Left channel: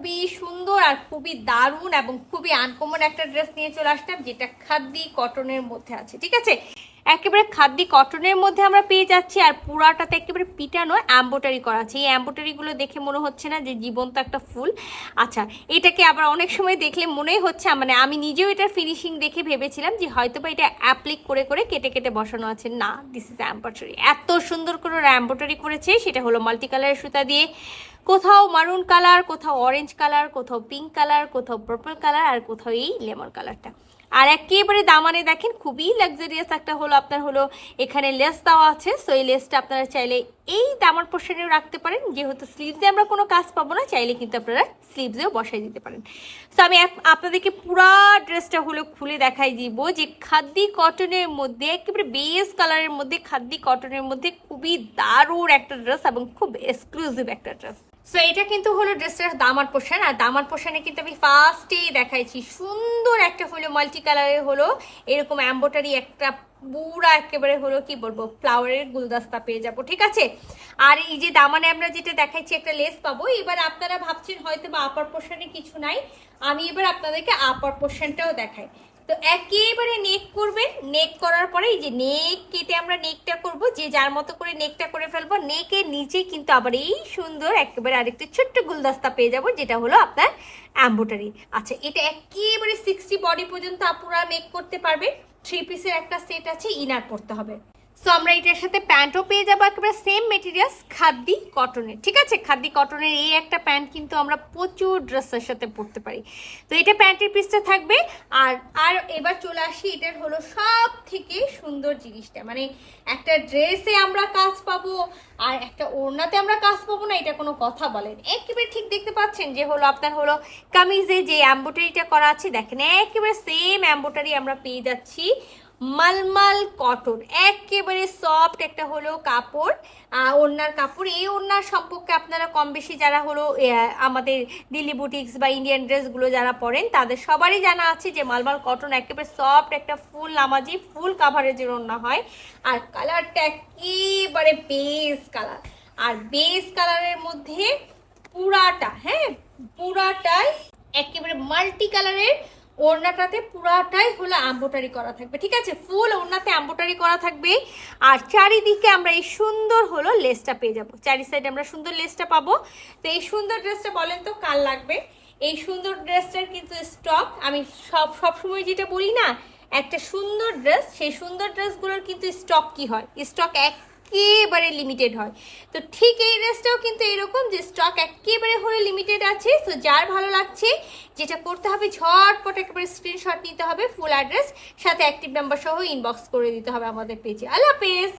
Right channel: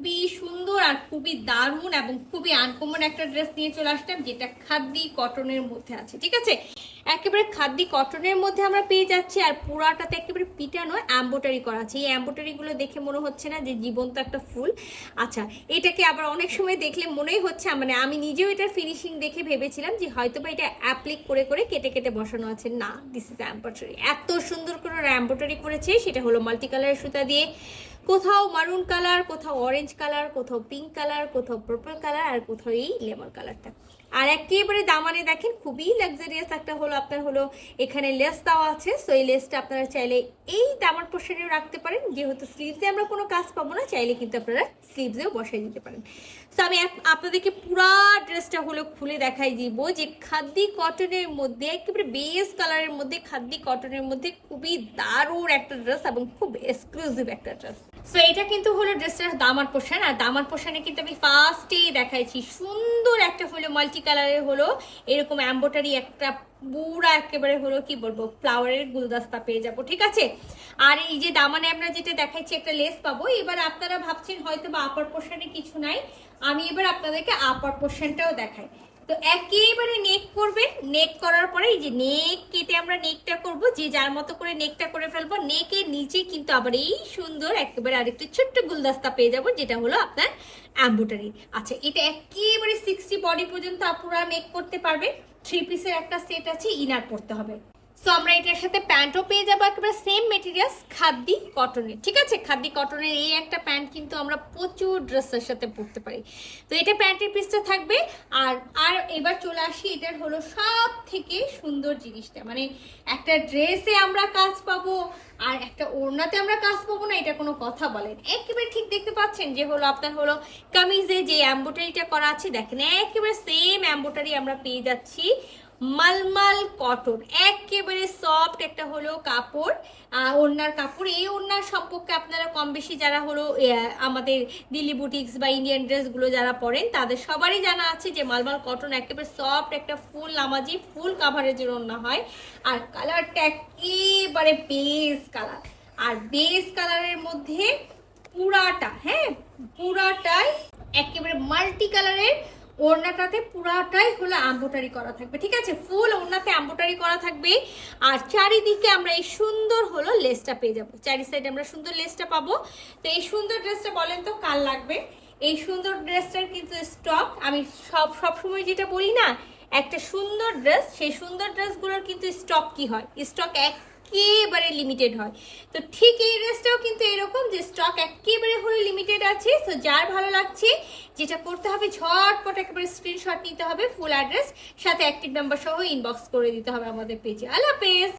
খুবই সুন্দর আর খুবই দারুণ এবং খুবই আনকমন একটা ড্রেস নিয়ে চলে আসলাম, যেটা খাদ্দি কটনের মধ্যে আছে। ঠিক আছে, একেবারে খাদ্দি কটনের মধ্যে আমরা পেয়ে যাচ্ছি, আর পুরাটাতে একেবারে পিটানো এমব্রয়ডারি করা আছে। এই এমব্রয়ডারিগুলো দেখে মনে হচ্ছে না যে জীবন্ত একটা ফুল। আচ্ছা, এটাকে আবার অনেক সময় দেখলে মনেই হচ্ছে, মানে আমি নিজেও এটার ফিনিশিং দেখে ভেবেছিলাম যে হয়তো বা এটা অ্যাপ্লিক করে করে কেটে কেটে বসানো আছে। না, দিস ইজ এমব্রয়ডারি। এত সুন্দর করে এমব্রয়ডারি করেছে, সেটা হলো মাল্টি কালারের সুতা দিয়ে। কোথাও মারুন কালার, কোথাও অরেঞ্জ কালার, কোথাও পিঙ্ক কালার, কোথাও পার্পল কালার, আর কোথাও এই লেমন কালারটা। আর একেবারে দামানে দেখেন খুবই লাক্সারিয়াস একটা হলো আপনার হলো এখানে লেস দেওয়া আছে। সো এই লেসটা আপনারা চাইলে এই দামার পোর্শনেও রাখতে পারেন, যেহেতু স্লিভসে আমরা কোনো কাজ পাবো না, চাইলে কিন্তু আপনারা স্লিভসেও বসাই দিতে পারেন। সো আমি আপনাদেরকে পুরা ড্রেসটা হলো খুলে দেখাই দিব যে খাদ্দি কটনের মধ্যে একেবারে বেস কালারের মধ্যে খাদ্দি কটনের মধ্যে খুবই দারুণ একটা ড্রেস এবং খুব এক্সক্লুসিভ একটা ড্রেস। সো এটা কিন্তু হলো ড্রেসটার দামার পোর্শন, আর দামার পোর্শনে কিন্তু আমি ফার্স্টেই দেখাইছি সুন্দর একটা হলো মাল্টি কালারের হলো এরকম এমব্রয়ডারি একটা পুরা একেবারে হলো কি বলবো ফ্লাওয়ারের গুলদস্তা পেয়ে যাবো। ঠিক আছে, আর এই যে দামানে আমরা যেটা দেখাইছি একটা লেস পাবো। এবার আপনারা ভাবছেন হয়তো বা আপার পোর্শনে কিছু নাই, আমি এবার আপনাদেরকে আপার পোর্শনটাও দেখাই। তো একেবারে নেক করবেন, নেক করার পরে এই যে নেক কেটে আমরা নেকটা করব, যে যার মতো করে নেকটা করে ফেলবো। নেকের নিচে কিন্তু আবার এই সুন্দর একেবারে আরেকটা ছোট্ট গুলদস্তা পেয়ে যাব, যেটা হলো আপনার এমব্রয়ডারি। আচ্ছা, এটা একেবারে 60 বডি পর্যন্ত আপনারা মেক করতে পারবে। 3 পিসের একটা সেট আছে, ইনার পড়তে হবে। সো আমরা এটার সাথে প্যান্টও পেয়ে যাবো একেবারে সেম মেটেরিয়ালস খাদ্দি কটনের। ঠিক আছে, খাদ্দি কটনের এই একটা প্যান্ট কিন্তু আমরা প্রচুর ড্রেসের সাথে পরতে পারি। তো এটা প্যান্টের পিসটা থাকবে। আর আর এবার চলে আসি এটার হলো সব থেকে সুন্দর জিনিসটা, মানে একটা ড্রেসে আমরা কাজ পাবো আর একটা ওড়নাতে আমরা কাজ পাবো না, এটা কোনো কথা বলেন? একেবারে ঠিক দেখতে পাচ্ছেন যে হলো আপনার হলো কামিজে যে এমব্রয়ডারিটা করা আছে, দেখেন একেবারে সেম এমব্রয়ডারি আমরা পেয়ে যাচ্ছি। মালমাল কটন, একেবারে সফট একটা হলো কাপড়, ওড়নার কাপড়। এই ওড়নার সম্পর্কে আপনারা কম বেশি যারা হলো আমাদের দিল্লি বুটিক্স বা ইন্ডিয়ান ড্রেসগুলো যারা পরেন তাদের সবারই জানা আছে যে মালমাল কটন একেবারে সফট একটা ফুল নামাজি ফুল কাভারেজের ওড়না হয়। আর কালারটা একেবারে বেস কালার, আর বেস কালারের মধ্যে পুরাটা, হ্যাঁ পুরাটাই একেবারে মাল্টি কালারের ওড়নাটাতে পুরাটাই হলো এমব্রয়ডারি করা থাকবে। ঠিক আছে, ফুল ওড়নাতে এমব্রয়ডারি করা থাকবে। আর চারিদিকে আমরা এই সুন্দর হলো লেসটা পেয়ে যাবো, চারি সাইডে আমরা সুন্দর লেসটা পাবো। তো এই সুন্দর ড্রেসটা বলেন তো কার লাগবে? এই সুন্দর ড্রেসটার কিন্তু স্টক আমি সবসময় যেটা বলি না, একটা সুন্দর ড্রেস, সেই সুন্দর ড্রেসগুলোর কিন্তু স্টক কি হয়, স্টক একেবারে লিমিটেড হয়। তো ঠিক এই ড্রেসটাও কিন্তু এরকম যে স্টক একেবারে হলে লিমিটেড আছে। তো যার ভালো লাগছে যেটা করতে হবে, ঝটপট একেবারে স্ক্রিনশট নিতে হবে, ফুল অ্যাড্রেস সাথে অ্যাক্টিভ নাম্বার সহ ইনবক্স করে দিতে হবে আমাদের পেজে। আল্লাহ হাফেজ।